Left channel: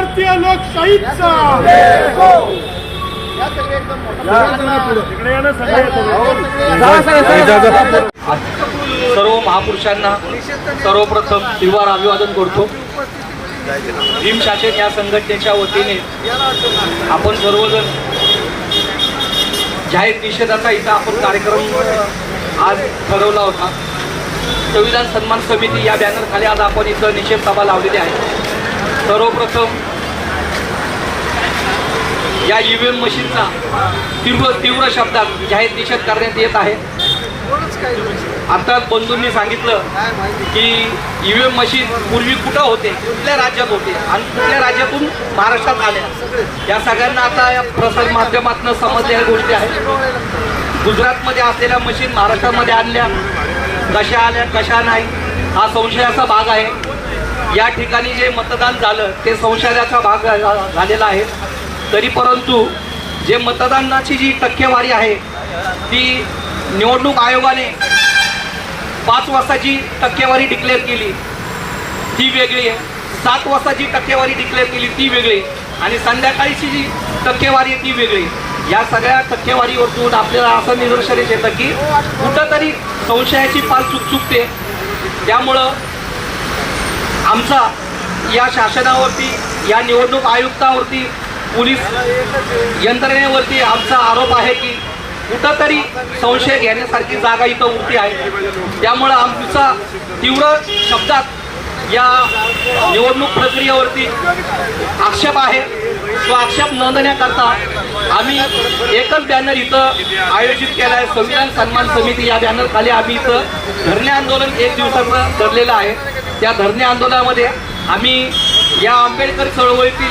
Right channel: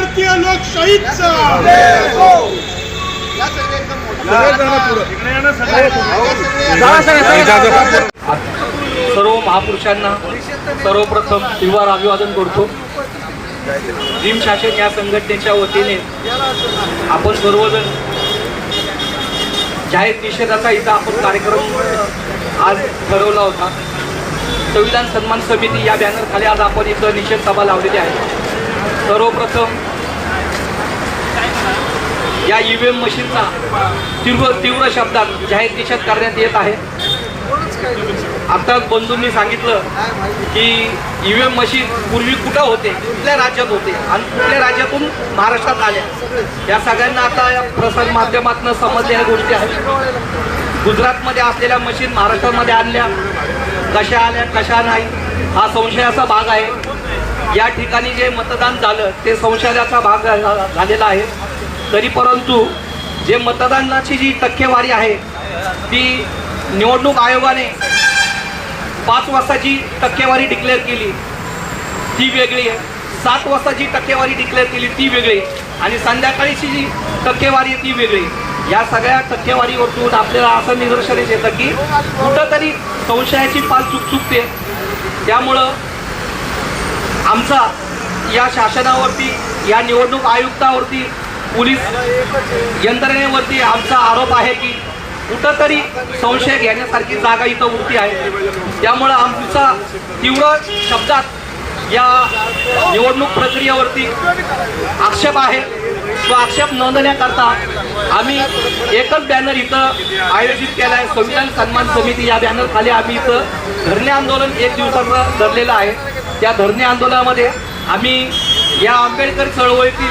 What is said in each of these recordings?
भारतीय सर्व महापुरुषांना सर्वप्रथम तिवार अभिवादन करतो. भीम या संघटनेच्या वतीने आपण सर्वजण जाहीर निषेधाचा इथं आपण कार्यक्रम आज ठरवला होता. संविधान सन्मान समिती या बॅनरखाली आज आपण इथं निषेध सभा लावलेली आहे. सर्वप्रथम या ईव्हीएम मशीनचा तीव्र तीव्र शब्दात जाहीर निषेध करण्यात येत आहे. आता बंधूंनी सांगितलं की ईव्हीएम मशीन पूर्वी कुठं होते? कुठल्या राज्यात होते? आणि कुठल्या राज्यातून महाराष्ट्रात आल्या? या सगळ्यांना आता या प्रसार माध्यमातून समजल्या गोष्टी आहेत. गुजरातमध्ये असलेल्या मशीन महाराष्ट्रामध्ये आणल्या. कशा आल्या कशा नाही हा संशयाचा भाग आहे. या ठिकाणी जे मतदान झालं ते संशयाचा भाग झालेला आहे. तरी परंतु जे मतदानाची जी टक्केवारी आहे ती निवडणूक आयोगाने पाच वाजता जी टक्केवारी डिक्लेअर केली. ती वेगळी आहे. सात वाजता जी टक्केवारी डिक्लेअर केली ती वेगळी आणि संध्याकाळीची जी टक्केवारी आहे ती वेगळी या सगळ्या टक्केवारीवरून आपल्याला असं निदर्शनास येतं की कुठंतरी संशयाची पाल चूक चुकते. त्यामुळं आमचा या शासनावरती या निवडणूक आयुक्तावरती पोलीस यंत्रणेवरती आमचा आरोप आहे की कुठंतरी संशय घेण्यासारखी जागा इथं उरती आहे. त्यामुळं आमचा तीव्र शब्दात या निवडणूक प्रक्रियेवरती आक्षेप आहे. तो आक्षेप नोंदण्याकरता आम्ही एकच बॅनर इथं आयोजित केला आहे संविधान सन्मान समिती या बॅनरखाली आम्ही इथं धरणे आंदोलन एक दिवसाचं धरलेलं आहे. त्या धरणे आंदोलनामध्ये आम्ही या आंबेडकर चळवळीतील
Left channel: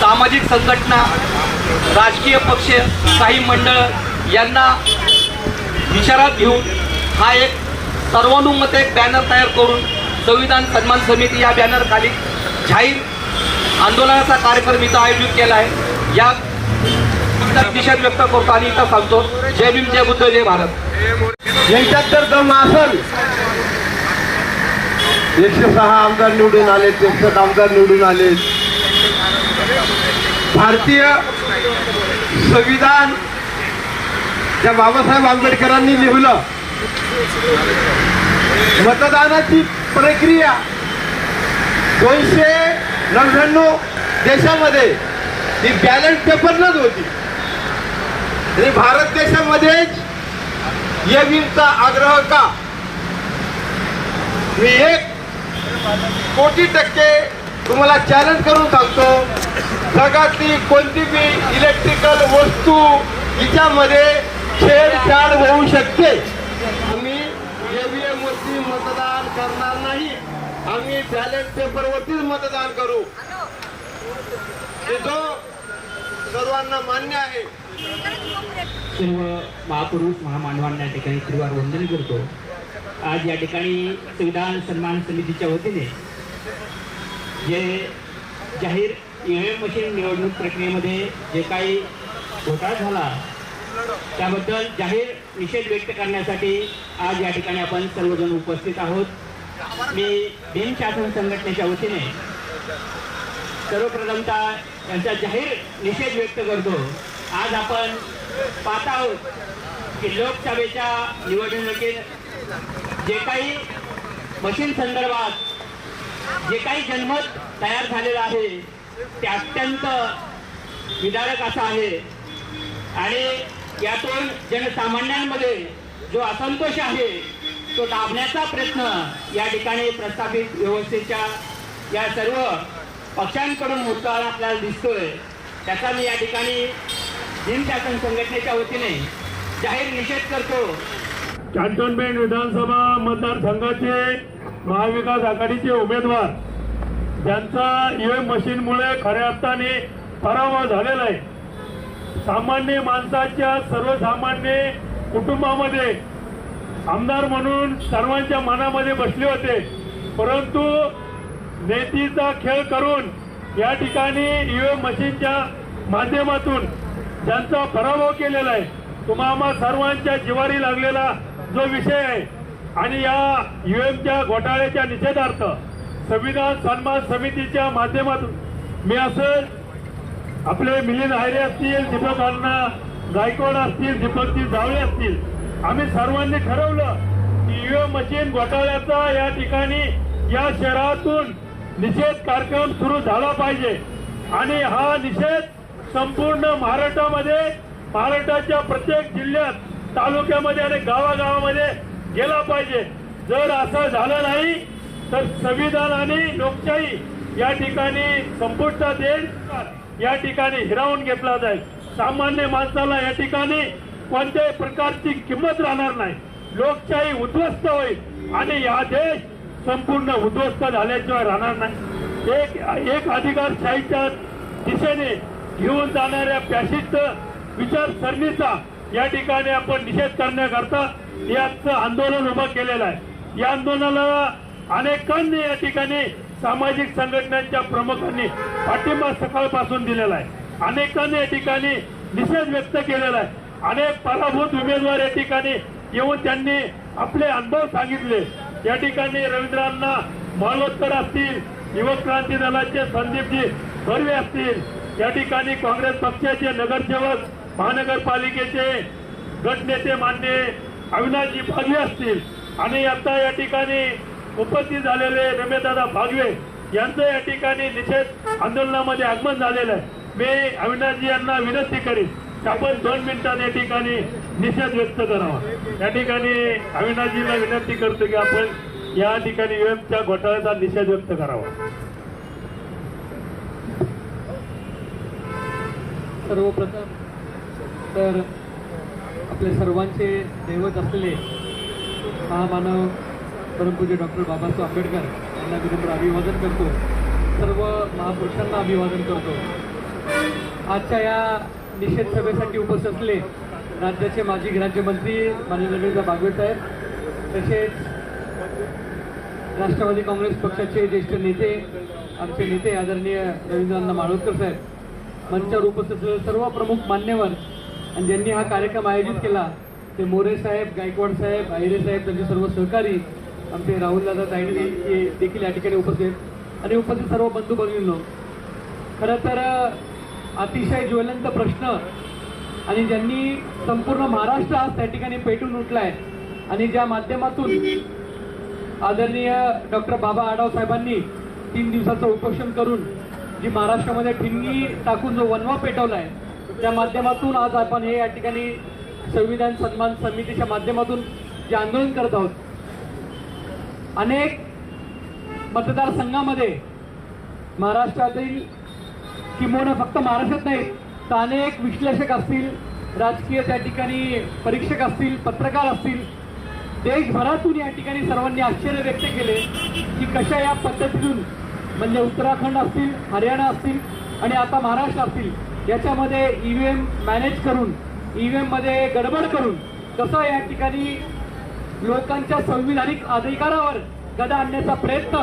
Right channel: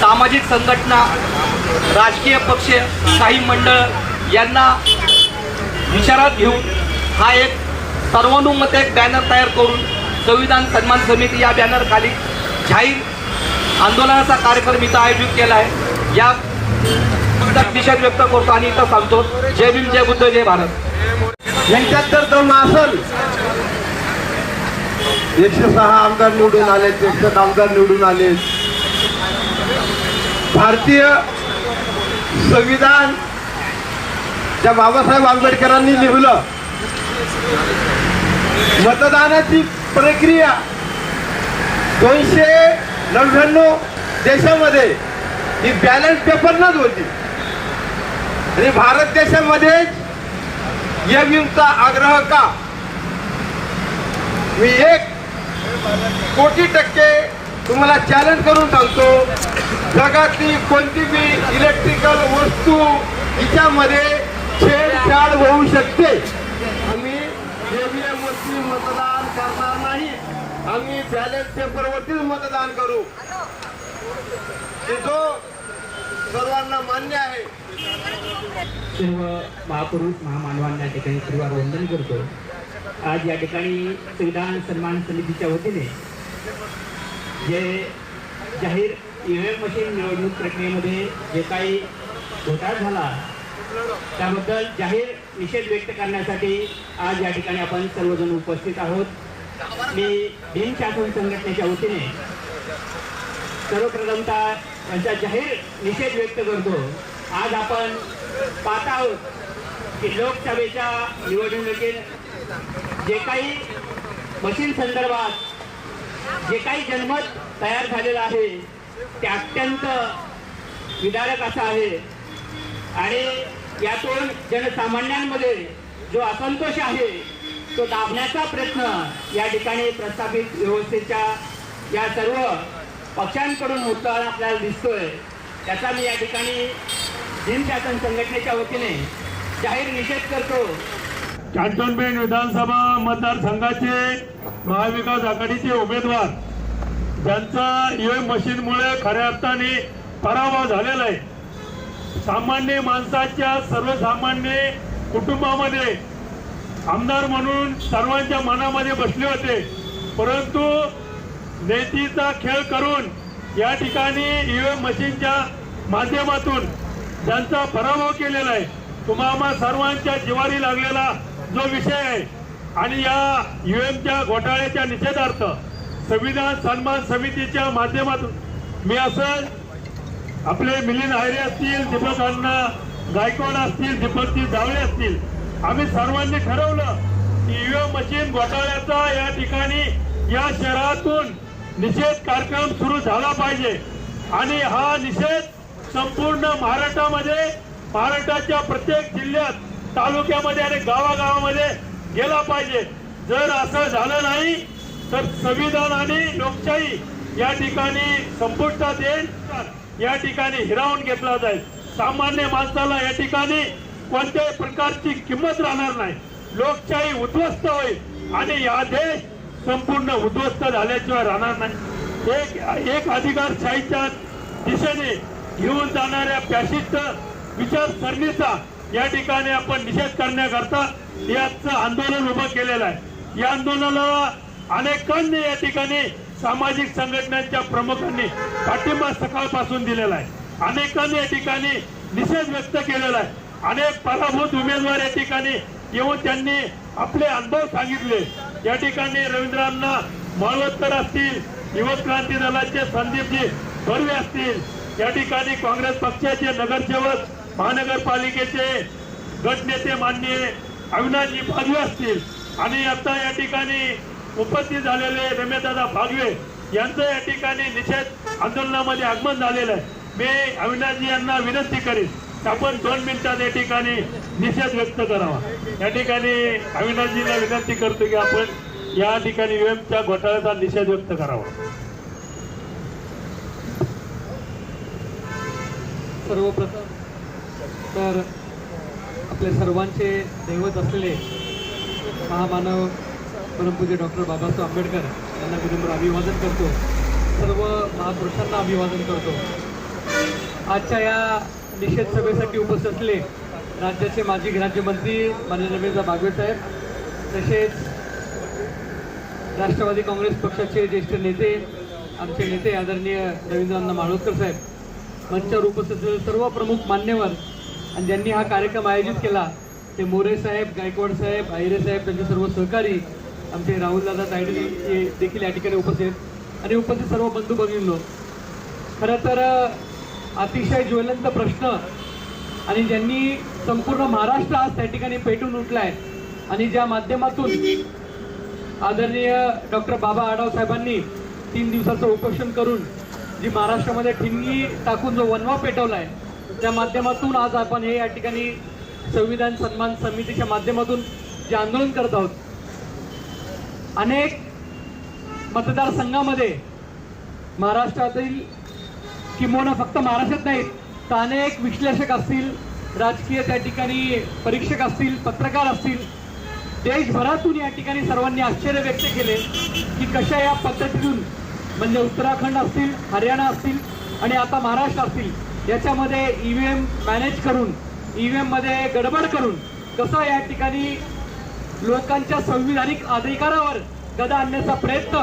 सामाजिक संघटना राजकीय पक्ष काही मंडळ यांना विचारात घेऊन हा एक सर्वानुमत एक बॅनर तयार करून संविधान सन्मान समिती या बॅनर खाली जाहीर आंदोलनाचा कार्यक्रम इथं आयोजित केला आहे. या निषेध व्यक्त करतो आणि इथं सांगतो जय भीम जय बुद्ध जय भारत. यांच्यात जर असेल. एकशे सहा आमदार निवडून आले एकशे आमदार निवडून आले. भारतीय संविधान ज्या बाबासाहेब आंबेडकरांनी लिहिलं. मतदानाची प्रक्रिया दोनशे नव्याण्णव देशामध्ये. ही बॅलन्स पेपरनच होती. आणि भारत देशामध्येच ईव्हीएमचा आग्रह का? मी एक कोटी टक्के तुम्हाला चॅलेंज करून सांगतो. जगातली कोणती बी इलेक्ट्रिकल वस्तू हिच्यामध्ये छेडछाड होऊ शकते. आम्ही ईव्हीएम वरती मतदान करणार नाही. आम्ही बॅलेट पेपरवरतीच मतदान करू. हे जो सर्वांना मान्य आहे. सर्व महापुरुष महामानवांना या ठिकाणी त्रिवार वंदन करतो. आज या ठिकाणी संविधान सन्मान समितीच्या वतीने जे जाहीर ईव्हीएम मशीन निवडणूक प्रक्रियेमध्ये जे काही घोटाळा झाला त्याबद्दल जाहीर निषेध व्यक्त करण्यासाठी आज या ठिकाणी आपण सर्वजण उपस्थित आहोत. मी भीम शासन संघटनेच्या वतीने सर्वप्रथमता यांचा जाहीर निषेध व्यक्त करतो. आज आपण पाहत आहोत की लोकसभेच्या निवडणुकीत जे काही मशीन संदर्भात जे काही जनमत तयार झालेलं आहे ते अत्यंत विदारक असं आहे. आणि यातून जनसामान्यांमध्ये जो असंतोष आहे तो दाबण्याचा प्रयत्न या ठिकाणी प्रस्थापित व्यवस्थेच्या या सर्व पक्षांकडून होताना आपल्याला दिसतोय. त्याचा मी या ठिकाणी शासन संघटनेच्या वतीने जाहीर निषेध करतो. चांदनबेन विधानसभा मतदारसंघाचे महाविकास आघाडीचे उमेदवार ज्यांचा ईव्हीएम मशीनमुळे खऱ्या अर्थाने पराभव झालेला आहे. सामान्य माणसाच्या सर्वसामान्य कुटुंबामध्ये आमदार म्हणून सर्वांच्या मनामध्ये बसले होते. परंतु नेतीचा खेळ करून या ठिकाणी ईव्हीएम मशीनच्या माध्यमातून त्यांचा पराभव केलेला आहे. तुम्हाला सर्वांच्या जिवारी लागलेला जो विषय आहे आणि या ईव्हीएमच्या घोटाळ्याच्या निषेधार्थ संविधान सन्मान समितीच्या माध्यमातून मी असं आपले मिलिंद आयरे असतील दीपक अण्णा गायकवाड असतील दीपकजी जावळे असतील आम्ही सर्वांनी ठरवलं की ईव्हीएम मशीन घोटाळ्याचा या ठिकाणी या शहरातून निषेध कार्यक्रम सुरू झाला पाहिजे. आणि हा निषेध संपूर्ण महाराष्ट्रामध्ये महाराष्ट्राच्या प्रत्येक जिल्ह्यात तालुक्यामध्ये आणि गावागावामध्ये गेला पाहिजे. जर असा झाला नाही तर संविधान आणि लोकशाही या ठिकाणी संपुष्टात येईल. या ठिकाणी हिरावून घेतला जाईल. सामान्य माणसाला या ठिकाणी कोणत्याही प्रकारची किंमत राहणार नाही. लोकशाही उद्ध्वस्त होईल आणि या देश संपूर्ण उद्ध्वस्त झाल्याशिवाय राहणार नाही. एक एक अधिकारशाहीच्या दिशेने घेऊन जाणाऱ्या फॅशिस्ट विचारसरणीचा या ठिकाणी आपण निषेध करण्याकरता याचं आंदोलन उभं केलेलं आहे. या आंदोलनाला अनेकांनी या ठिकाणी सामाजिक संघटनांच्या प्रमुखांनी पाठिंबा सकाळपासून दिलेला आहे. अनेकांनी या ठिकाणी निषेध व्यक्त केलेला आहे. अनेक पराभूत उमेदवार या ठिकाणी येऊन त्यांनी आपले अनुभव सांगितले. या ठिकाणी रवींद्रांना मालवत्तर असतील युवक क्रांती दलाचे संदीपजी बर्वे असतील. या ठिकाणी काँग्रेस पक्षाचे नगरसेवक महानगरपालिकेचे गटनेते मान्य अविनाशजी भागवे असतील. आणि आता या ठिकाणी उपस्थित झालेले रमेशदादा भागवे यांचं या ठिकाणी निषेध आंदोलनामध्ये आगमन झालेलं आहे. मी अविनाशजी यांना विनंती करीन आपण दोन मिनिटात या ठिकाणी निषेध व्यक्त करावा. या ठिकाणी अविनाशजीला विनंती करतो की आपण या ठिकाणी युएमच्या घोटाळ्याचा निषेध व्यक्त करावा. सर्वप्रथम तर आपले सर्वांचे दैवत असलेले महामानव परमपूज्य डॉक्टर बाबासाहेब आंबेडकर यांना विनम्र अभिवादन करतो सर्व महापुरुषांना अभिवादन करतो. आजच्या या निषेध सभेसाठी उपस्थित असले राज्याचे माजी राज्यमंत्री माननीय रवींद्र बागवे साहेब तसेच राष्ट्रवादी काँग्रेस पक्षाचे ज्येष्ठ नेते आमचे नेते आदरणीय रवींद्रांना माळोदकर साहेब मंचावर उपस्थित असलेले सर्व प्रमुख मान्यवर आणि ज्यांनी हा कार्यक्रम आयोजित केला ते मोरे साहेब गायकवाड साहेब आहिरे साहेब त्यांचे सर्व सहकारी आमचे राहुलदादा तायडे हे देखील या ठिकाणी उपस्थित आहेत. आणि उपस्थित सर्व बंधू भगिनींनो खरं तर अतिशय ज्वलंत प्रश्न आणि ज्यांनी संपूर्ण महाराष्ट्र आज त्या ठिकाणी पेटून उठलाय आणि ज्या माध्यमातून आदरणीय डॉक्टर बाबा आढाव साहेबांनी तीन दिवसाचं उपोषण करून जी महाराष्ट्रामध्ये ठिणगी टाकून जो वनवा पेटवलाय त्या माध्यमातून आज आपण हे या ठिकाणी संविधान सन्मान समितीच्या माध्यमातून जे आंदोलन करत आहोत अनेक मतदारसंघामध्ये महाराष्ट्रातील किंबहुना फक्त महाराष्ट्रात नाहीत तर अनेक विश्लेषक असतील राजकीय त्या ठिकाणी परीक्षक असतील पत्रकार असतील देशभरातून या ठिकाणी सर्वांनी आश्चर्य व्यक्त केले की कशा या पद्धतीतून म्हणजे उत्तराखंड असतील हरियाणा असतील आणि आता महाराष्ट्र असतील याच्यामध्ये ई व्ही एम मॅनेज करून ई व्ही एममध्ये गडबड करून कसं या ठिकाणी युवकांच्या संविधानिक अधिकारावर गदा आणण्याचा प्रयत्न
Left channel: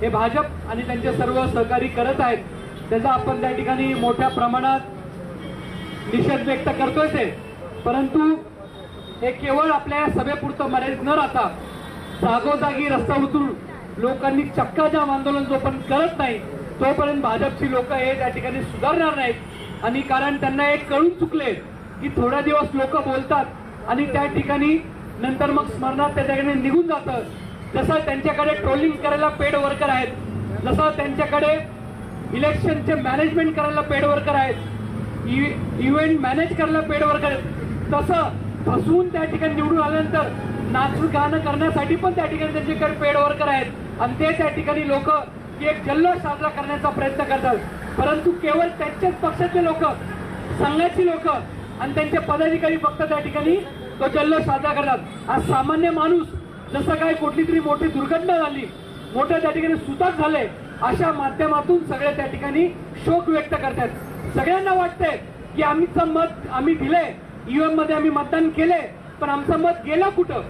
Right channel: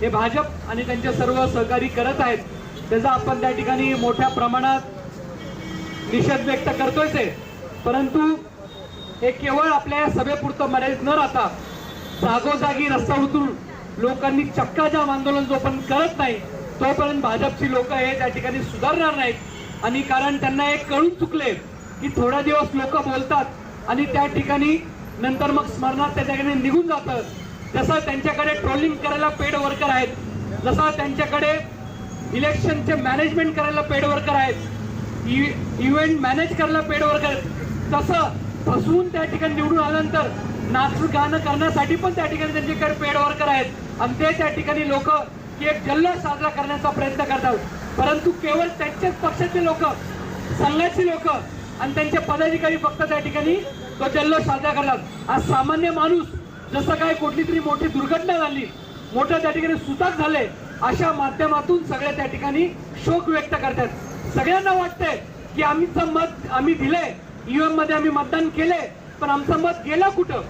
हे भाजप आणि त्यांचे सर्व सहकारी करत आहेत. त्याचा आपण त्या ठिकाणी मोठ्या प्रमाणात निषेध व्यक्त करतोय ते. परंतु हे केवळ आपल्या सभेपुरतं मर्यादित न राहता जागोजागी रस्ता उतरून लोकांनी चक्काजाम आंदोलन जोपर्यंत करत नाही तोपर्यंत भाजपची लोक हे त्या ठिकाणी सुधारणार नाहीत. आणि कारण त्यांना एक कळून चुकले की थोडा दिवस लोक बोलतात आणि त्या ठिकाणी नंतर मग स्मरणात त्याच्याकडे निघून जातं. जसं त्यांच्याकडे ट्रोलिंग करायला पेड वर्कर आहेत जसं त्यांच्याकडे इलेक्शनचे मॅनेजमेंट करायला पेड वर्कर आहेत इव्हेंट मॅनेज करायला पेड वर्कर आहेत. तसं फसवून त्या ठिकाणी निवडून आल्यानंतर नाचू गाणं करण्यासाठी पण त्या ठिकाणी त्यांच्याकडे पेड वर्कर आहेत. आणि ते त्या ठिकाणी लोक एक जल्लोष साजरा करण्याचा प्रयत्न करतात. परंतु केवळ त्यांच्याच पक्षाचे लोक संघाची लोक आणि त्यांचे पदाधिकारी फक्त त्या ठिकाणी तो जल्लोष साजरा करतात. आज सामान्य माणूस जसं काय कुठली तरी मोठी दुर्घटना झाली मोठं त्या ठिकाणी सुताक झाले अशा माध्यमातून सगळे त्या ठिकाणी शोक व्यक्त करतात. सगळ्यांना वाटतंय की आम्हीचं मत आम्ही दिले ईव्हीएममध्ये आम्ही मतदान केले पण आमचं मत गेलं कुठं?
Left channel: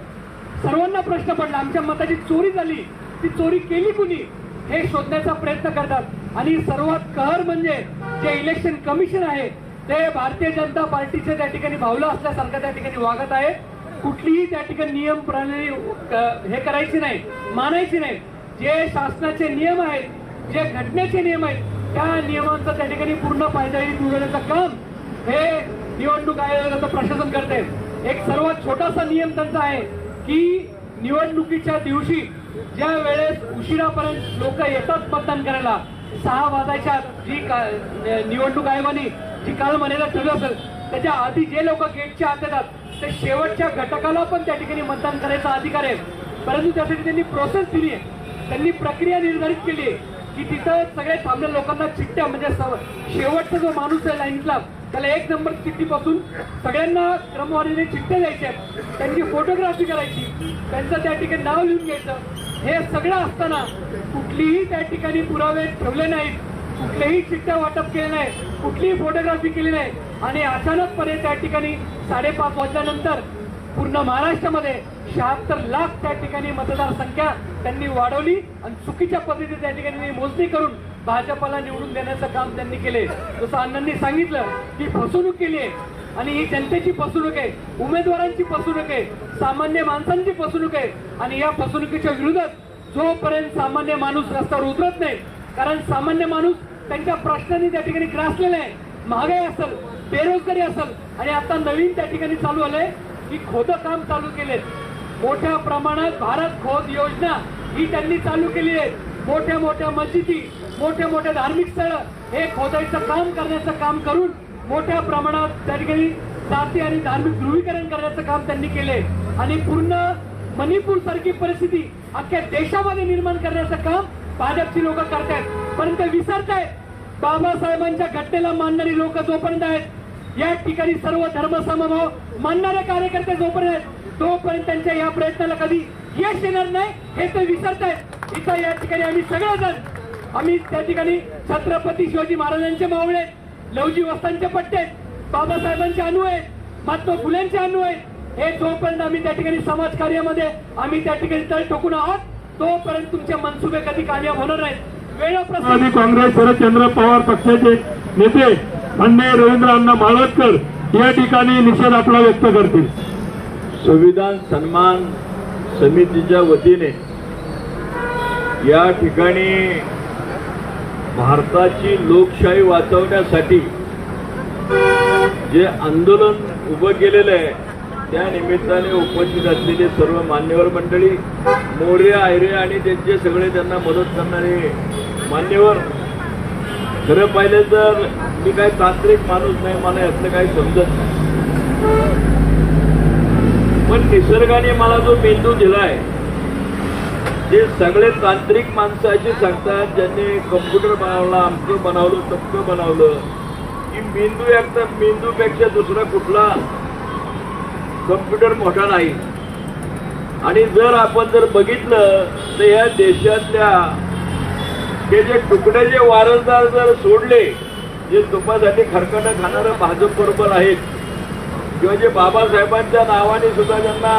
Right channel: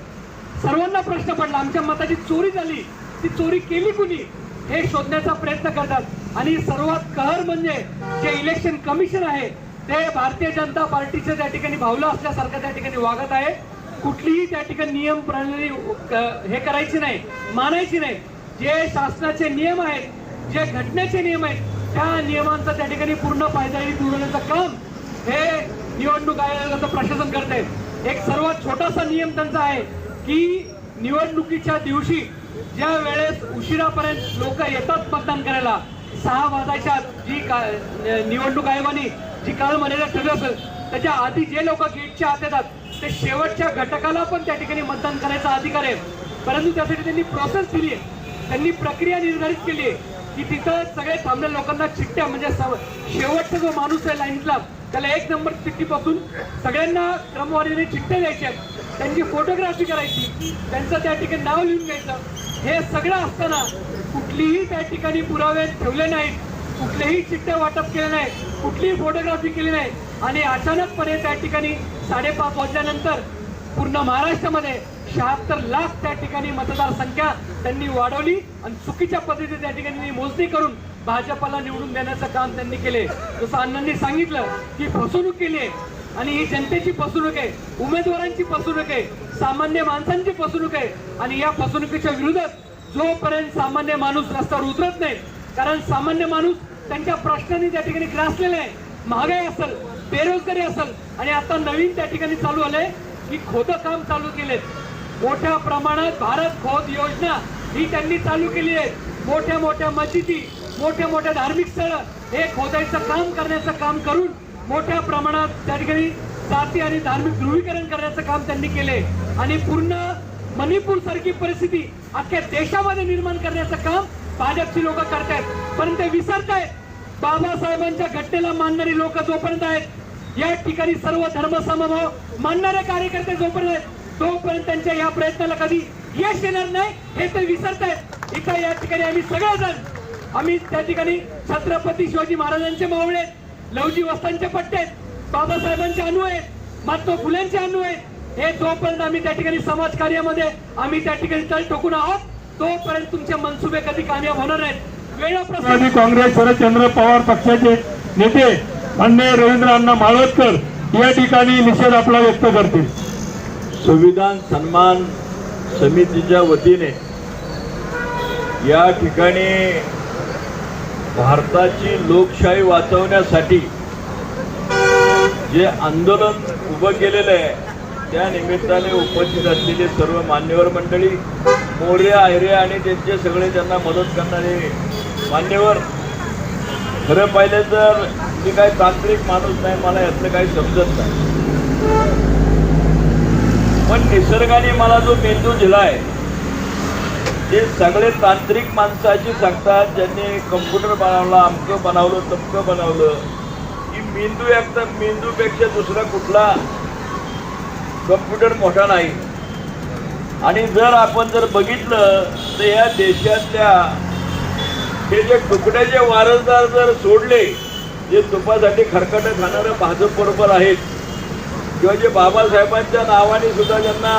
सर्वांना प्रश्न पडला आमच्या मताची चोरी झाली ती चोरी केली कुणी? हे शोधण्याचा प्रयत्न करतात. आणि सर्वात कहर म्हणजे जे इलेक्शन कमिशन आहे ते भारतीय जनता पार्टीचे त्या ठिकाणी भावलं असल्यासारखं त्या ठिकाणी वागत आहे. कुठलीही त्या ठिकाणी नियम प्रणाली हे करायची नाही मानायची नाही. जे शासनाचे नियम आहेत जे घटनेचे नियम आहेत त्या नियमांचा त्या ठिकाणी पूर्ण पायदळी पुरवण्याचं काम हे निवडणूक आयोगाचं प्रशासन करते. एक सर्वात छोटासा नियम त्यांचा आहे की निवडणुकीच्या दिवशी ज्या वेळेस उशिरापर्यंत लोक येतात मतदान करायला सहा वाजायच्या जी का- निवडणूक आयोगाने ठिकाणं म्हणायला ठरलं असेल त्याच्या आधी जे लोक गेटच्या आत येतात ते शेवटच्या घटकाला पण त्या ठिकाणी मतदान करायचा अधिकार आहे. परंतु त्यासाठी त्यांनी प्रोसेस दिली आहे. त्यांनी प्रक्रिया निर्धारित केली आहे की तिथं सगळे थांबलेल्या लोकांना चिठ्ठ्या म्हणजे शेवटचा जो माणूस आहे लाईनला त्याला एक नंबर चिठ्ठीपासून सगळ्यांना क्रमवारीने चिठ्ठ्या द्यायच्या त्यांची फोटोग्राफी करायची त्यांचं त्या ठिकाणी नाव लिहून घ्यायचं. हे सगळं असताना कुठलीही त्या ठिकाणी पुरावे ठेवले नाहीत. कुठलेही चिठ्ठ्या वाटप केले नाही कुठलीही फोटोग्राफी केली नाही. आणि अचानकपणे त्या ठिकाणी साडेपाच वाजल्यानंतर पूर्ण महाराष्ट्रामध्ये शहात्तर लाख त्या ठिकाणी मतदारसंख्या त्यांनी वाढवली आणि चुकीच्या पद्धतीने त्या ठिकाणी मोजणी करून भाजपला निवडून देण्याचं काम त्यांनी केले. जसं अण्णांनी सांगितलं की फसवणूक केली आहे. आणि ही जनतेची फसवणूक आहे उमेदवारांची फसवणूक आहे सामान्य माणसांची फसवणूक आहे. आणि या फसवणुकीच्या विरोधात जोपर्यंत सामान्य माणूस रस्त्यावर उतरत नाही कारण सामान्य माणूस त्यांच्या प्रश्नांनी त्या ठिकाणी ग्रासलेलं आहे. महागाई असेल बेरोजगारी असेल आणि आता नवीन त्या ठिकाणी चालू आले की खोदं काम चालू केले. मोठ्या प्रमाणात भारत खोद योजना ही त्यांनी चालू केली आहे. मोठ्या मोठ्या मशिदी मोठ्या मोठ्या धार्मिक स्थळ हे खोदायचं काम करण्याचं काम करून मोठ्या प्रमाणात त्या ठिकाणी जाती आणि धार्मिक ध्रुवीकरण करण्याचं काम त्यांनी केले. आणि पूर्ण मणिपूर सारखी परिस्थिती अख्ख्या देशामध्ये निर्माण करण्याचं काम भाजपची लोक करतायत. परंतु विसरतायत. बाबासाहेबांच्या घटनेला मानणारी लोक जोपर्यंत आहेत या ठिकाणी सर्व धर्मसमभाव मानणारे कार्यकर्ते जोपर्यंत आहेत तोपर्यंत त्यांच्या या प्रयत्नाला कधी यश येणार नाही हे ते विसरतायत. इथं या ठिकाणी आम्ही सगळेजण आम्ही त्या ठिकाणी छत्रपती शिवाजी महाराजांचे मावळे आहेत, लवजी वस्तांचे पट्टे आहेत बाबासाहेबांचे अनु आहेत महात्मा फुलेंचे अनु आहेत. हे जोपर्यंत आम्ही त्या ठिकाणी समाज कार्यामध्ये आम्ही त्या ठिकाणी तळ ठोकून आहोत तोपर्यंत तुमचे मनसुबे कधी कामयाब होणार नाहीत. राष्ट्रवादी काँग्रेस शरदचंद्र पवार पक्षाचे नेते माननीय रवींद्र अण्णा माळवतकर या ठिकाणी निषेध आपला व्यक्त करतील. संविधान सन्मान समितीच्या वतीने या ठिकाणी भारताची लोकशाही वाचवण्यासाठी जे आंदोलन उभं केलेलं आहे त्या निमित्ताने उपस्थित असलेले सर्व मान्यवर मंडळी मोरे आयरे आणि त्यांचे सगळे त्यांना मदत करणारे मान्यवर. खरं पाहिलं तर मी काही तांत्रिक माणूस नाही मला यातलं काही समजत नाही. पण निसर्गाने मला जो मेंदू दिलाय ते सगळे तांत्रिक माणसाची सांगतात ज्यांनी कम्प्युटर बनवला अमकं बनवलं तमकं बनवलं की मेंदू एकदम मेंदूपेक्षा दुसरा कुठला कम्प्युटर मोठा नाही. आणि जर आपण जर बघितलं तर या देशातल्या हे जे तुकड्याचे वारसदार जर सोडले जे तुपासाठी खरकटं खाणारं भाजप बरोबर आहेत किंवा जे बाबासाहेबांच्या नावाने सुद्धा त्यांना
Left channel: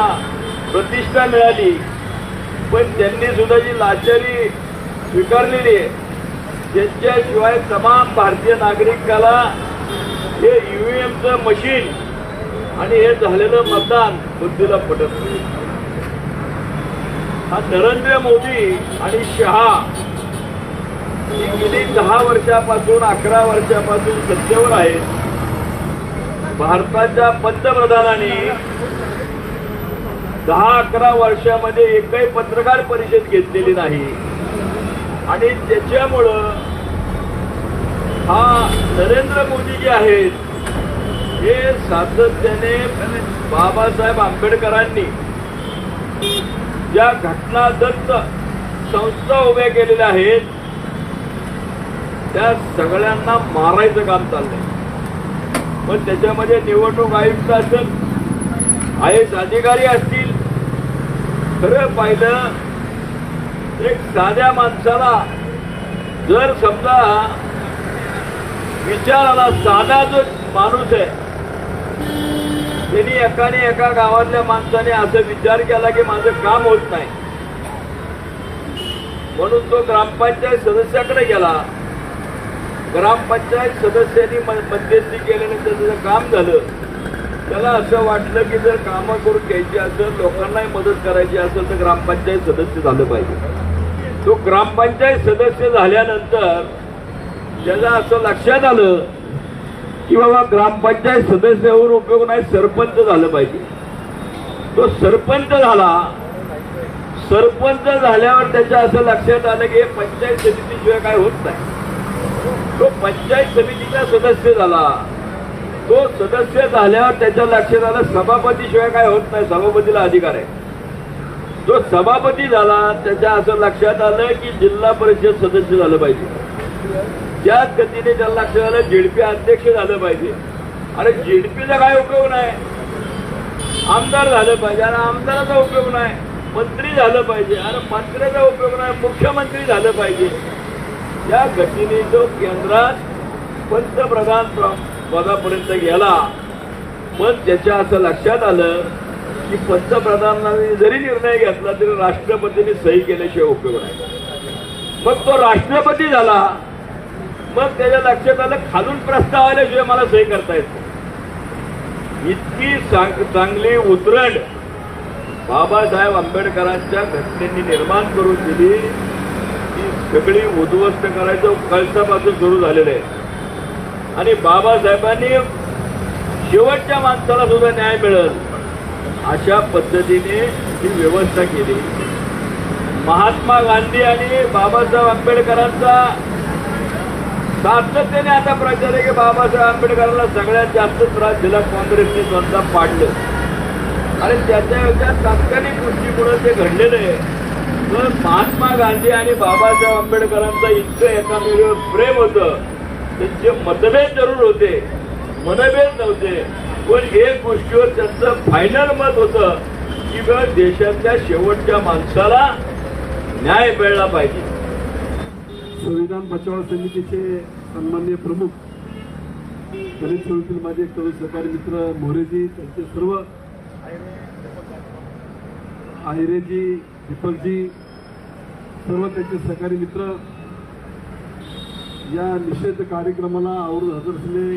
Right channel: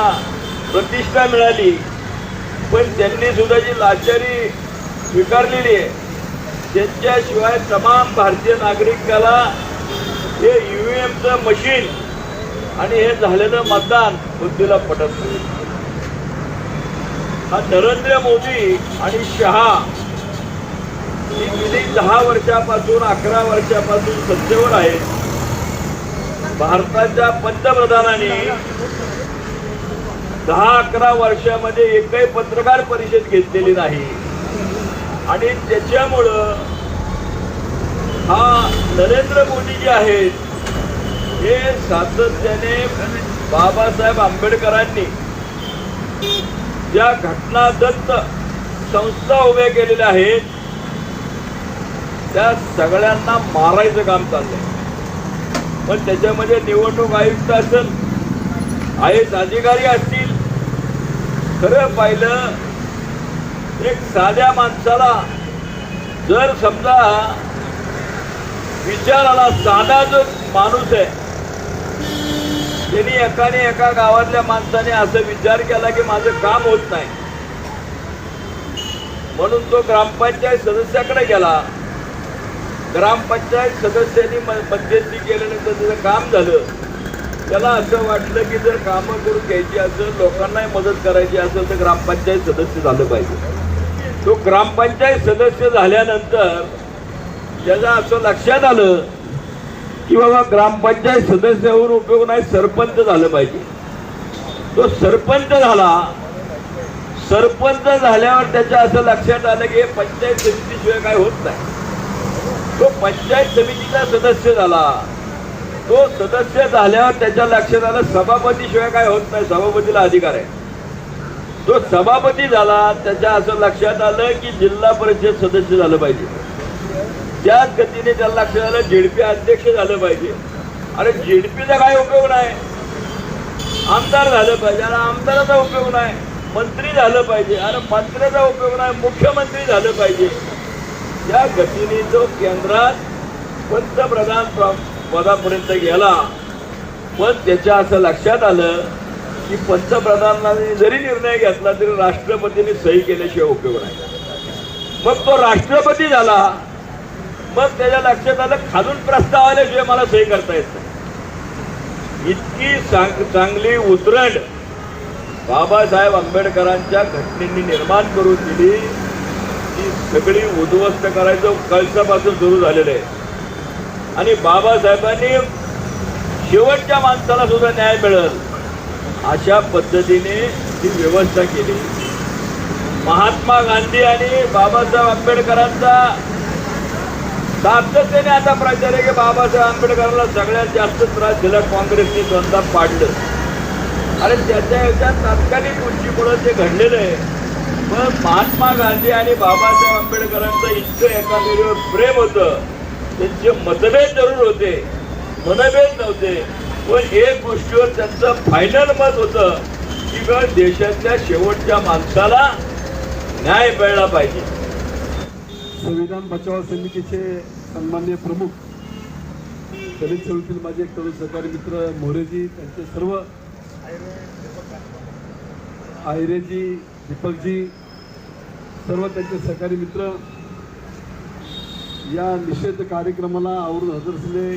प्रतिष्ठा मिळाली पण त्यांनी सुद्धा जी लाचारी स्वीकारलेली आहे त्यांच्याशिवाय तमाम भारतीय नागरिकाला हे ईव्हीएमचं मशीन आणि हे झालेलं मतदान बुद्धीला पटत नाही. हा नरेंद्र मोदी आणि शहा ही गेली दहा वर्षापासून अकरा वर्षापासून सत्तेवर आहेत भारताच्या पंतप्रधानांनी दहा अकरा वर्षामध्ये एकही पत्रकार परिषद घेतलेली नाही. आणि त्याच्यामुळं हा नरेंद्र मोदी जे आहेत हे सातत्याने बाबासाहेब आंबेडकरांनी ज्या घटनादत्त संस्था उभ्या केलेल्या आहेत. त्या सगळ्यांना मारायचं काम चाललंय. पण त्याच्यामध्ये निवडणूक आयुक्त असेल आय एस अधिकारी असतील खरं पाहिलं एक साध्या माणसाला जर समजा विचाराला साधा जो माणूस आहे त्यांनी एकाने एका गावातल्या माणसाने असं विचार केला की माझं काम होत नाही. म्हणून तो ग्रामपंचायत सदस्याकडे गेला. ग्रामपंचायत सदस्यांनी म- मध्यस्थी केल्यानंतर त्याचं काम झालं त्याला असं वाटलं की जर कामं करून घ्यायची असेल लोकांनाही मदत करायची असेल तर ग्रामपंचायत सदस्य झालं पाहिजे. तो ग्रामपंचायत सदस्य झाल्यानंतर त्याला असं लक्षात आलं की बाबा ग्रामपंचायत सदस्यावर उपयोग नाही सरपंच झालं पाहिजे. तो सरपंच झाला सरपंच झाल्यावर त्याच्या असं लक्षात आलं की हे पंचायत समितीशिवाय काय होत नाही. तो पंचायत समितीचा सदस्य झाला. तो सदस्य झाल्यावर त्याच्या लक्षात आलं सभापतीशिवाय काय होत नाही सभापतीला अधिकार आहे. तो सभापती झाला त्याच्या असं लक्षात आलं की जिल्हा परिषद सदस्य झालं पाहिजे. त्याच गतीने त्याला लक्षात आलं जेडपी अध्यक्ष झालं पाहिजे. अरे जेडपीचा काय उपयोग नाही? आमदार झालं पाहिजे. अरे आमदाराचा उपयोग नाही. मंत्री झालं पाहिजे. अरे मंत्र्याचा उपयोग नाही. मुख्यमंत्री झालं पाहिजे. या घटनेने जो केंद्रात पंतप्रधान पदापर्यंत गेला पण त्याच्या असं लक्षात आलं की पंतप्रधानांनी जरी निर्णय घेतला तरी राष्ट्रपतींनी सही केल्याशिवाय उपयोग नाही मग तो राष्ट्रपती झाला मग त्याच्या लक्षात आलं खालून प्रस्ताव आल्याशिवाय मला सही करता येत नाही. इतकी चांग- चांगली उतरण बाबासाहेब आंबेडकरांच्या घटनेने निर्माण करून दिली ती सगळी उद्ध्वस्त करायचं कळसापासून सुरू झालेलं आहे. आणि बाबासाहेबांनी शेवटच्या माणसाला सुद्धा न्याय मिळेल अशा पद्धतीने ही व्यवस्था केली. महात्मा गांधी आणि बाबासाहेब आंबेडकरांचा सातत्याने आता प्रचार आहे की बाबासाहेब आंबेडकरांना सगळ्यात जास्त त्रास दिला काँग्रेसने स्वतः पाडलं. आणि त्याच्या ह्याच्यात तात्कालिक गोष्टीमुळे ते घडलेलं आहे. मग महात्मा गांधी आणि बाबासाहेब आंबेडकरांचं इतकं एकामेकावर प्रेम होतं. त्यांचे मतभेद जरूर होते मनभेद नव्हते. पण एक गोष्टीवर त्यांचं फायनल मत होतं की बा देशातल्या शेवटच्या माणसाला न्याय मिळला पाहिजे. संविधान बचाव समितीचे सन्मान्य प्रमुख दलित समितीतील माझे एक तरुण सहकारी मित्र मोरेजी त्यांचे सर्व आहिरेजी दीपकजी सर्व त्यांचे सहकारी मित्र या निषेध कार्यक्रमाला आवरून हजर झाले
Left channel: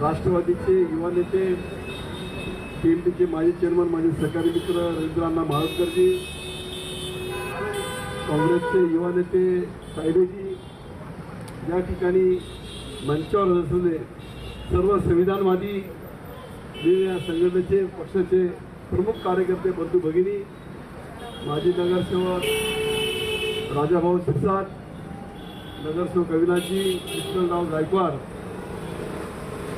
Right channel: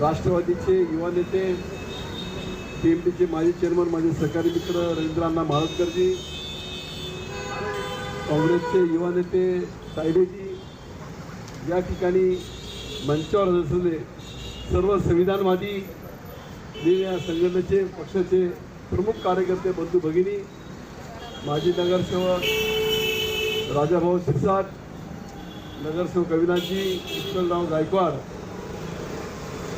राष्ट्रवादीचे युवा नेते पीएमडीचे माजी चेअरमन माझे सहकारी मित्र रवींद्रांना महाळकरजी काँग्रेसचे युवा नेते तायडेजी या ठिकाणी मंचावर असलेले सर्व संविधानवादी वेगवेगळ्या संघटनेचे पक्षाचे प्रमुख कार्यकर्ते बंधू भगिनी माजी नगरसेवक राजाभाऊ शिरसाट नगरसेवक अविनाशजी कृष्णराव गायकवाड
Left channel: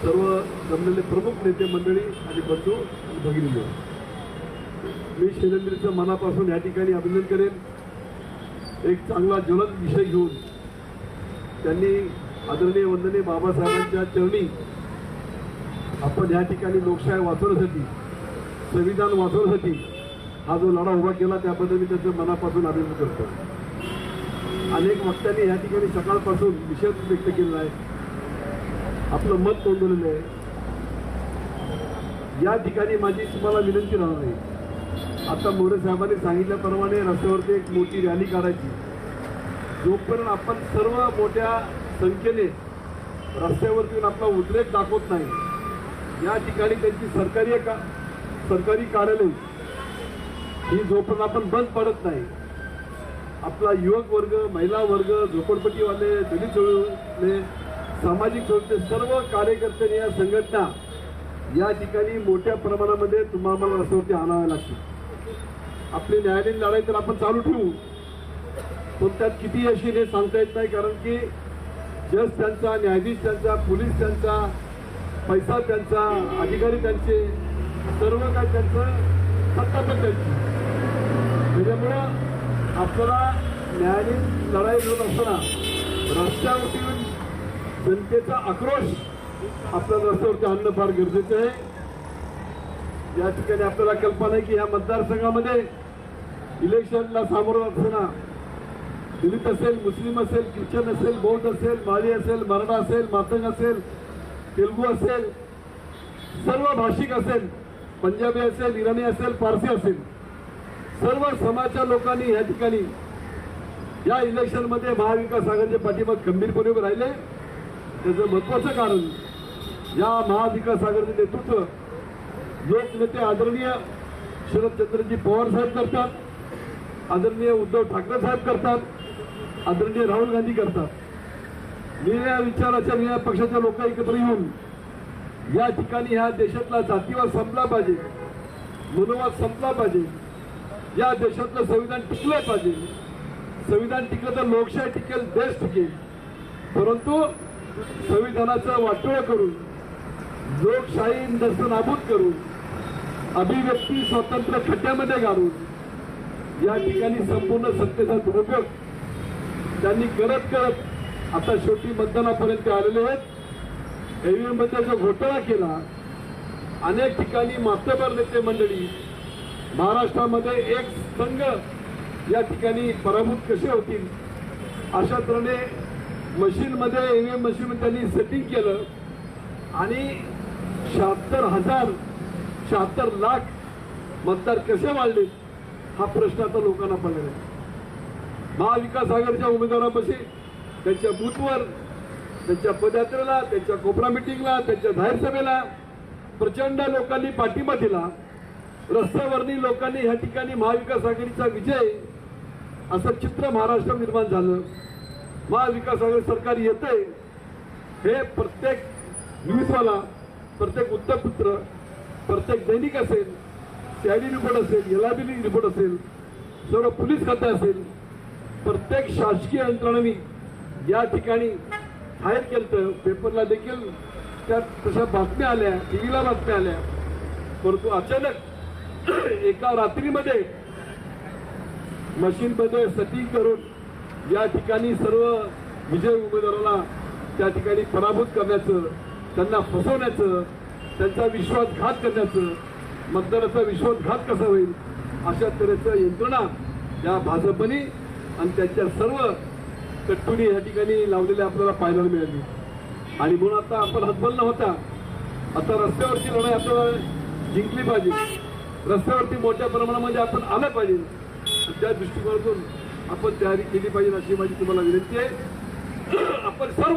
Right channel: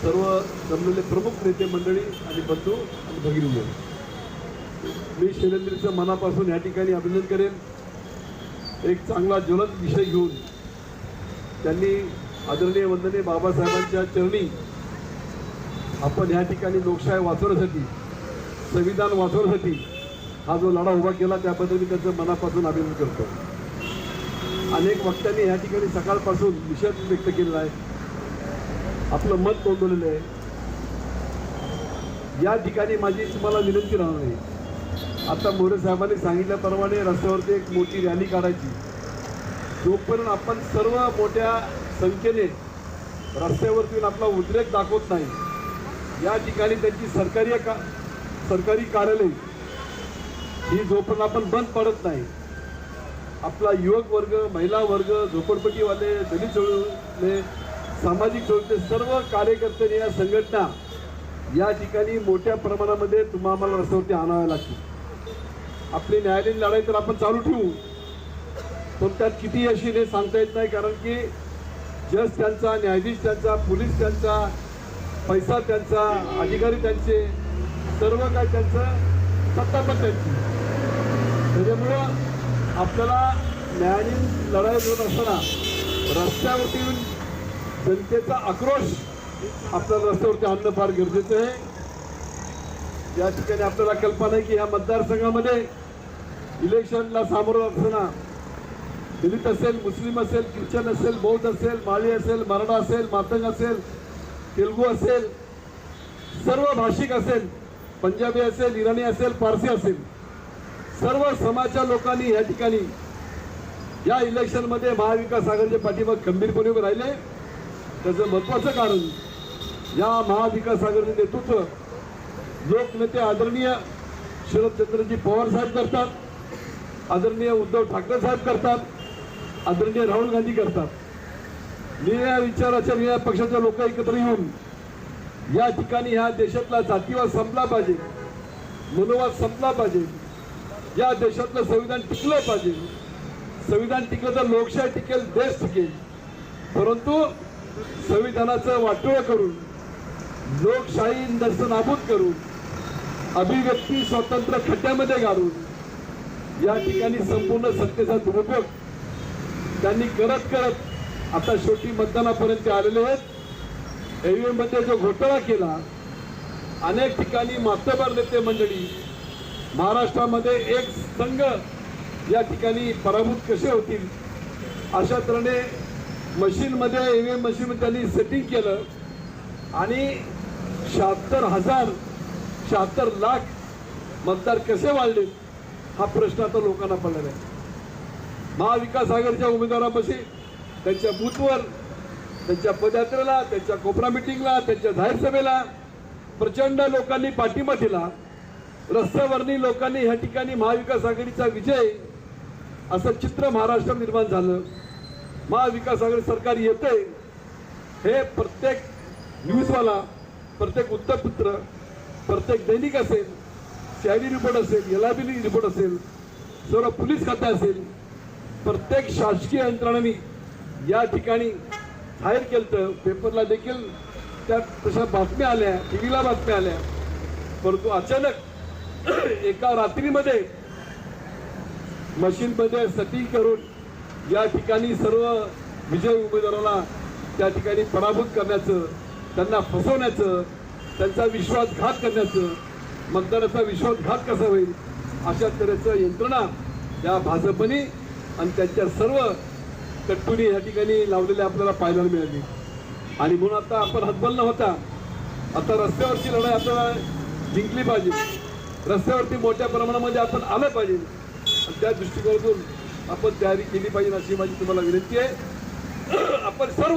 सर्व जमलेले प्रमुख नेते मंडळी आणि बंधू आणि भगिनी मी शैलेंद्रचं मनापासून या ठिकाणी अभिनंदन करेन. एक चांगला ज्वलंत विषय घेऊन त्यांनी आदरणीय वंदनीय बाबासाहेबांच्या चरणी आपण या ठिकाणी लोकशाही वाचवण्यासाठी संविधान वाचवण्यासाठी हा जो लढा उभा केला त्याबद्दल मी त्याचं मनापासून अभिनंदन करतो. अनेक वक्त्यांनी या ठिकाणी सकाळपासून निषेध व्यक्त केलेला आहे. आपलं मत नोंदवलेलं आहे. या ठिकाणी माझी तुम्हाला विनंती राहणार आहे. आता मोरे साहेबांनी सांगितल्याप्रमाणे रस्त्यावरती एक मोठी रॅली काढायची. जोपर्यंत आपण सर्व मोठ्या संख्येने रस्त्यावरती येऊन आपला उद्रेक दाखवत नाही या ठिकाणी त्यांची सरकारी का सरकारी कार्यालय ही जोपर्यंत आपण बंद पडत नाही आपला युवक वर्ग महिला वर्ग झोपडपट्टीवाले दलित चळवळे सामाजिक चळवळीचे सर्व कार्यकर्त्यांनी या संघटना या ठिकाणी मोठ्या प्रमाणामध्ये तुम्हाला रस्त्यावरती आणाव्या लागतील. आपली न्यायालयीन लढाई तर आपण चालू ठेवू पण त्यात किती यशी हे सांगता येत नाही कारण की जज त्यांचा न्यायाधीश त्यांचा पोलीस त्यांचा पैसा त्यांचा अधिकारी त्यांचे सर्व काय त्यांचं सत्ता पण त्यांची त्याच्यामुळं आपल्याला न्यायालयीन लढाई होत असताना रस्त्यावरती येऊन जनतेचा आक्रोश आपल्याला रस्त्यावरती आणणं फार गरजेचं आहे. या ठिकाणी आपल्याला कल्पना आहे की या मतदारसंघामध्ये इलेक्शनला सामोरं असताना दलित असेल मुस्लिम असेल ख्रिश्चन असेल बौद्ध असेल माळी असेल मराठा असेल मातंग असेल तेलगू असेल सर्व भाषिक असेल पंजाबी असेल इराणी असेल पारसी असेल. सर्व समाजच्या लोकांनी या ठिकाणी या इलेक्शनमध्ये महाविकास आघाडीचे पाठिंबा खंबीरपणे उभे राहिले. त्याचं महत्वाचं कारण या महाविकास आघाडीचे नेतृत्व लोकनेते आदरणीय शरदचंद्रजी पवार साहेब करतात. आदरणीय उद्धव ठाकरे साहेब करतात. आदरणीय राहुल गांधी करतात. निळ्या विचाराच्या निळ्या पक्षाच्या लोक एकत्र येऊन या ठिकाणी ह्या देशातला जातीवाद संपला पाहिजे. मनोवाद संपला पाहिजे. या देशातलं संविधान टिकलं पाहिजे. संविधान टिकलं तर लोकशाही टिकेल देश टिकेल. परंतु संविधानाचं वाटोळं करून लोकशाही नस्तनाबूद करून अभिव्यक्ती स्वातंत्र्य खड्ड्यामध्ये घालून या ठिकाणी संपूर्ण सत्तेचा दुरुपयोग. त्यांनी करत करत आता शेवटी मतदानापर्यंत आलेले आहेत. एव्हीएममध्ये जो घोटाळा केला अनेक ठिकाणी मातबर नेते मंडळी महाराष्ट्रामध्ये एक संघ या ठिकाणी पराभूत कसे होतील? अशा तऱ्हेने मशीनमध्ये ए व्ही एम मशीन त्यांनी सेटिंग केलं. आणि शहात्तर हजार शहात्तर लाख मतदार कसे वाढले? हा प्रश्न आता लोकांना पडलेला आहे. महाविकास आघाडीच्या उमेदवारापाशी त्यांच्या बूथवर त्यांच्या पदयात्रेला त्यांच्या कोपरा मिटिंगला त्यांच्या जाहीर सभेला प्रचंड लोकांनी पाठिंबा दिला. रस्त्यावरती लोकांनी ह्या ठिकाणी महाविकास आघाडीचा विजय असं चित्र महाराष्ट्रात निर्माण झालं. महाविकास आघाडी सरकार येते हे प्रत्येक न्यूजवाला प्रत्येक वृत्तपत्र प्रत्येक दैनिक असेल सीआयडी रिपोर्ट असेल एल रिपोर्ट असेल सर्व पोलीस खाते असेल प्रत्येक शासकीय यंत्रणांनी या ठिकाणी जाहीर केलं पेपरला देखील त्या तशा बातम्या आल्या टी व्हीला बातम्या आल्या. परंतु अचानक एका रात्रीमध्ये मशीनमध्ये सटिंग करून या ठिकाणी सर्व विजय उमेदवाराला त्या ठिकाणी पराभूत करण्याचं त्यांना फसवण्याचं त्यांचा विश्वासघात करण्याचं मतदाराचा विश्वासघात कसा होईल अशा तऱ्हेचं यंत्रणा या भाजपने आणि त्यांच्या सर्व कट्टुनी या ठिकाणी लावलेल्या आपल्याला पाहायला मिळाली. आणि म्हणून आता आपण हतबल न होता आता रस्त्यावरची लढाई आपल्याला जिंकली पाहिजे. रस्त्यावरती मोठ्या प्रमाणामध्ये आपण आलं पाहिजे. त्या दृष्टिकोनातून आपण तयारी केली पाहिजे अशी माझी तुम्हाला विनंती आहे. आपण सर्व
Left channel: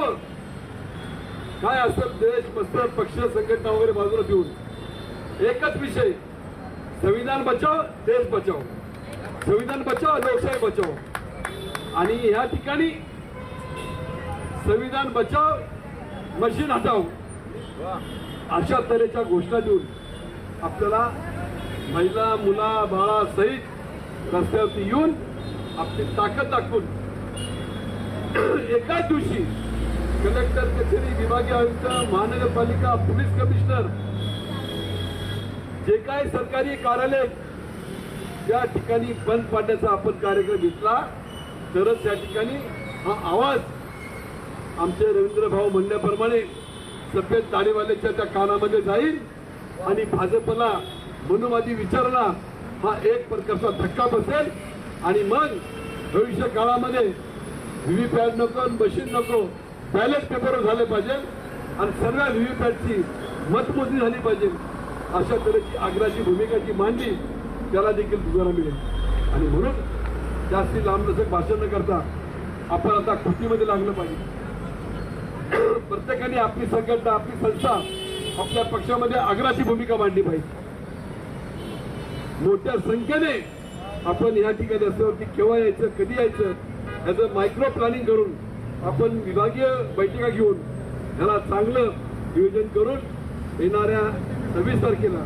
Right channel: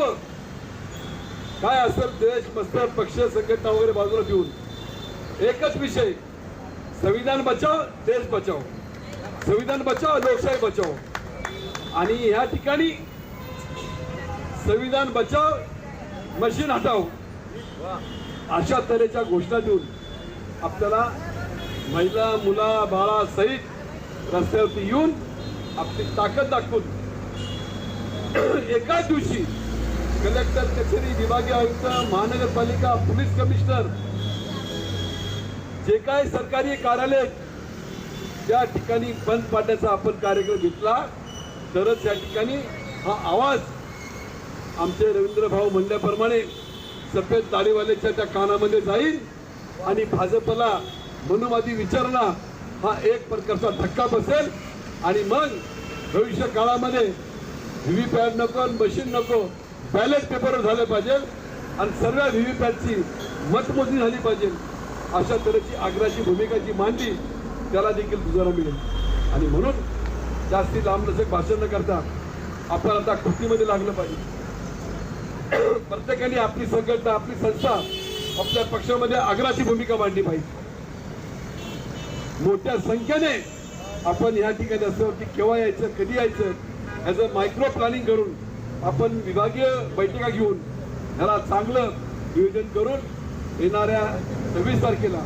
काय असेल देश मस्तर पक्ष संघटना वगैरे बाजूला ठेवून एकच विषय संविधान बचाव देश बचाव. संविधान बचाव लोकशाही बचाव. आणि या ठिकाणी संविधान बचाव मशीन हटाव. अशा तऱ्हेच्या घोषणा देऊन आपल्याला महिला मुला बाळा सहित रस्त्यावरती येऊन आपली ताकद दाखवून एकाच दिवशी कलेक्टर कचेरी विभागीय आयुक्त महानगरपालिका पोलीस कमिशनर जे काही सरकारी कार्यालय त्या ठिकाणी बंद पाडण्याचा आपण कार्यक्रम घेतला तरच या ठिकाणी हा आवाज आमचे रवींद्र भाऊ म्हणल्याप्रमाणे सफेद दाढीवाल्याच्या त्या कानामध्ये जाईल आणि भाजपला मनुवादी विचाराला हा एक प्रकारचा धक्का बसेल. आणि मग भविष्य काळामध्ये व्हीव्हीपॅट नको मशीन नको बॅलेट पेपर झाले पाहिजे आणि सर्व व्हीव्हीपॅटची मतमोजणी झाली पाहिजे. अशा तऱ्हेची आग्राची भूमिका जी मांडली त्याला देखील दुजाला मिळेल. आणि म्हणून जास्ती लांबलचक भाषण न करता आपण आता कृतीमध्ये लागलं पाहिजे. प्रत्येकाने आपली संघटना आपली संस्था आपल्या पक्षामध्ये आग्राची भूमिका मांडली पाहिजे. मोठ्या संख्येने आपण या ठिकाणी रस्त्यावरती केव्हा यायचं कधी यायचं ह्याचं मायक्रो प्लॅनिंग करून आपण विभागीय बैठका घेऊन मला चांगलं नियोजन करून येणाऱ्या सव्वीस तारखेला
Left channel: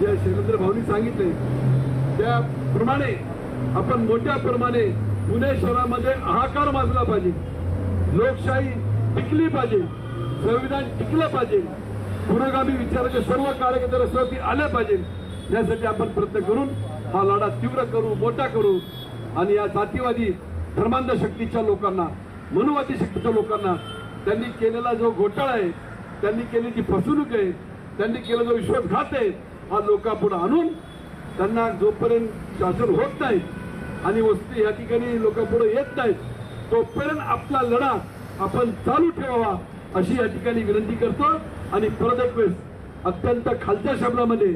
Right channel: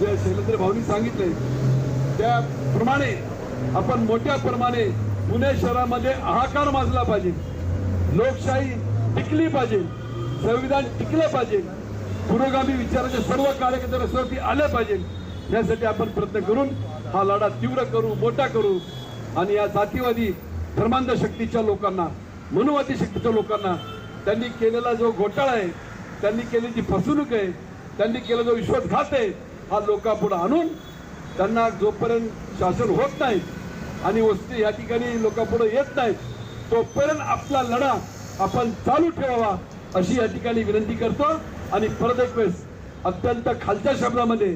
जे शैलेंद्र भाऊनी सांगितले त्याप्रमाणे आपण मोठ्या प्रमाणे पुणे शहरामध्ये हाकार माजला पाहिजे लोकशाही टिकली पाहिजे संविधान टिकलं पाहिजे पुरोगामी विचाराचे सर्व कार्यकर्ते रस्त्यावरती आले पाहिजे. यासाठी आपण प्रयत्न करून हा लढा तीव्र करू मोठा करू आणि या जातीवादी धर्मांध शक्तीच्या लोकांना मनुवादी शक्तीच्या लोकांना त्यांनी केलेला जो घोटाळा आहे त्यांनी केलेली फसवणूक आहे त्यांनी केलेला जो विश्वासघात आहे हा लोकांपुढे आणून त्यांना जोपर्यंत शासन होत नाही आणि वस्ती या ठिकाणी लोकांपुढे येत नाहीत तोपर्यंत आपला लढा आपण चालू ठेवावा अशी या ठिकाणी विनंती करतो. आणि परत एक वेळेस अत्यंत खालच्या शब्दामध्ये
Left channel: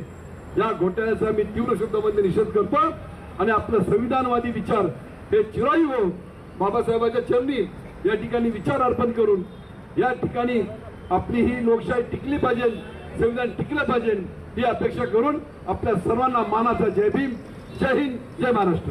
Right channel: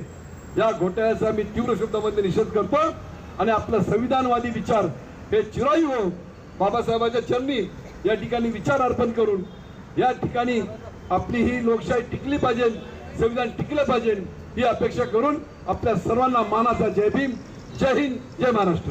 या घोटाळ्याचा मी तीव्र शब्दामध्ये निषेध करतो आणि आपला संविधानवादी विचार हे चिरायू हो बाबासाहेबांच्या चरणी या ठिकाणी विचार अर्पण करून या ठिकाणी आपली ही लोकशाही टिकली पाहिजे संविधान टिकलं पाहिजे ही अपेक्षा करून आपल्या सर्वांना मानाचा जय भीम जय हिंद जय महाराष्ट्र.